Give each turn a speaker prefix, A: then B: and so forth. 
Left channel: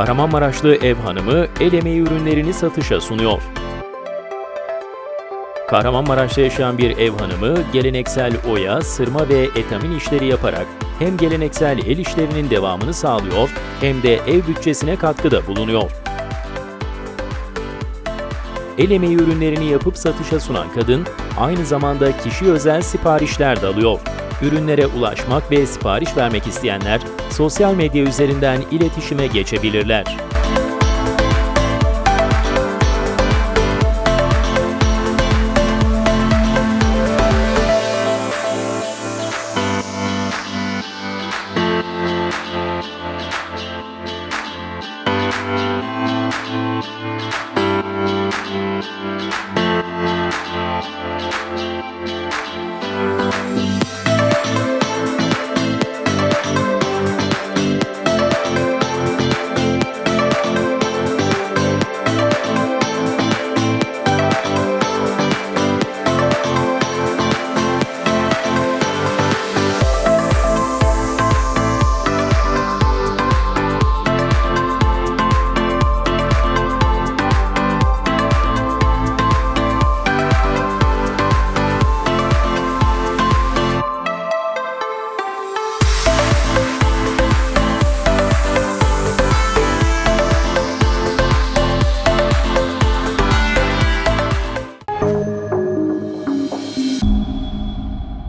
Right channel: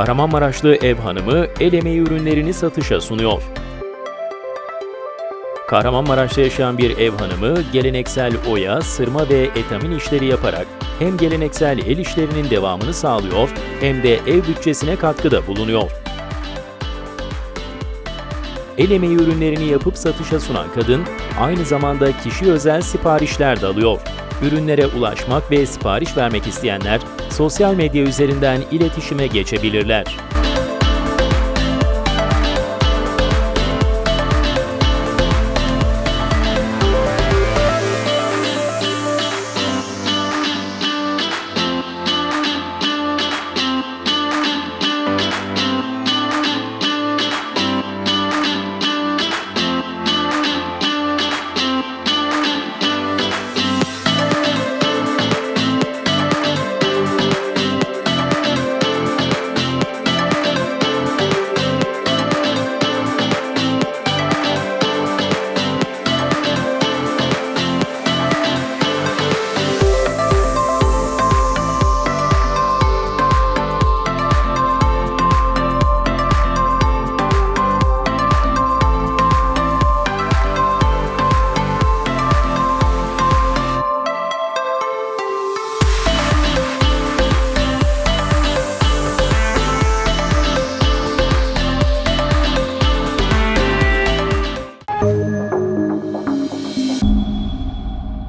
A: Kahramanmaraşlı ev hanımı el emeği ürünlerini satışa sunuyor. Kahramanmaraş'ta yaşayan bir ev hanımı geleneksel oya, sırma ve etamin işleri yaparak hem geleneksel el işlerinin devamını sağlıyor hem de ev bütçesine katkıda bulunuyor. El emeği ürünlerini yapıp satışa sunan kadın aynı zamanda kişi özel siparişler de alıyor. Ürünlere ulaşmak ve sipariş vermek isteyenler sosyal medya üzerinden iletişime geçebilirler.